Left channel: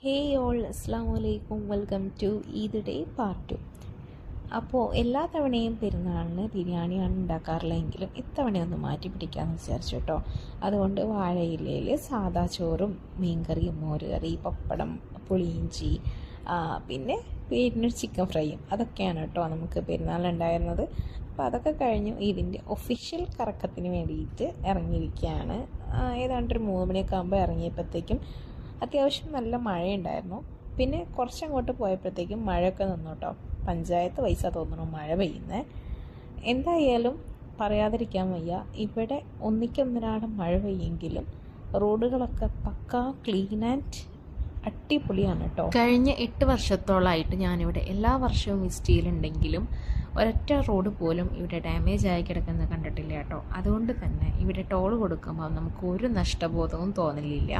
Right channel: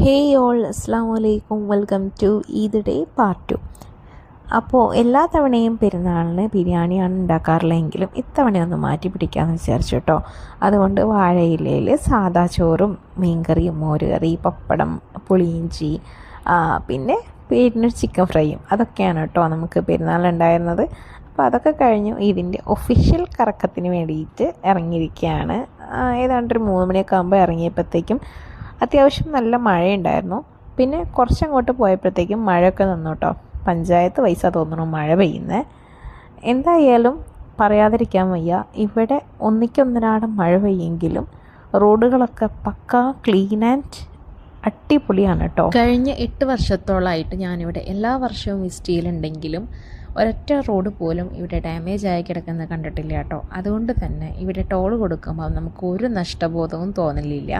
Hey all അസ്സാം വലൈക്കും welcome to Eid day part 2. അപ്പോൾ എല്ലാ തവണയും പെരുന്നാളിന് ബിരിയാണിയാണ് ഉണ്ടാക്കാറുള്ളതെങ്കിലും ഇത്തവണയൊന്ന് മാറ്റി പിടിക്കാമെന്ന് വിചാരിച്ചു കേട്ടോ. അതുകൊണ്ട് വാഴയിലയിൽ സാദാ ചോറും മീൻകറിയും മോരുകറി പപ്പടം പുളിയിഞ്ചി പിന്നെ പേരിനൊരു ചിക്കൻ ഫ്രൈയും അതൊക്കെയാണ് കേട്ടോ നമുക്ക് പെരുന്നാളുണ്ടായിരുന്നത്. അപ്പോൾ അതൊക്കെ കഴിഞ്ഞു ഇതിൻ്റെ ഒഫീഷ്യൽ കറക്കത്തിന് വേണ്ടിയിട്ട് ഇറങ്ങിയിരിക്കുകയാണ്. ഏതാണ്ട് ഒരു 3 മണിയൊക്കെ ആകുമ്പോൾ ഇറങ്ങിയപ്പോഴത്തേക്കും അത്യാവശ്യം നല്ല മഴയുണ്ടായിരുന്നു. പിന്നെ കുറച്ചങ്ങോട്ട് പോയപ്പോഴത്തേക്കും മഴയൊക്കെ നിന്നു കേട്ടോ. പഞ്ചായത്ത് പൈസ തോന്നുന്നു മഴ പെയ്യുന്നത്. എന്തായാലും പറയാതിരിക്കാൻ വയ്യ, ഇവിടെ ഒന്നിക്കൊന്നരാടം മഴ പെയ്യെങ്കിലും റോഡുകളൊക്കെ പക്കാ ക്ലീൻ ആൻഡ് അടിപൊളിയാണ് കേട്ടോ. കഴിഞ്ഞ 8 വർഷത്തോളമായിട്ട് ഞാനിവിടെ എല്ലാ വർഷവും വിസിറ്റ് ചെയ്യലുണ്ടെങ്കിലും ഒരൊറ്റ റോഡ് പോലും ഇവിടെ ഡാമേജ് ആയി കിടക്കുന്നത് കണ്ടിട്ടില്ല കേട്ടോ. അതുകൊണ്ട് തന്നെ ഇവിടെ ടോൾ കൊടുക്കുമ്പോൾ നമുക്ക് ഒരു നഷ്ടബോധവും തോന്നലില്ല.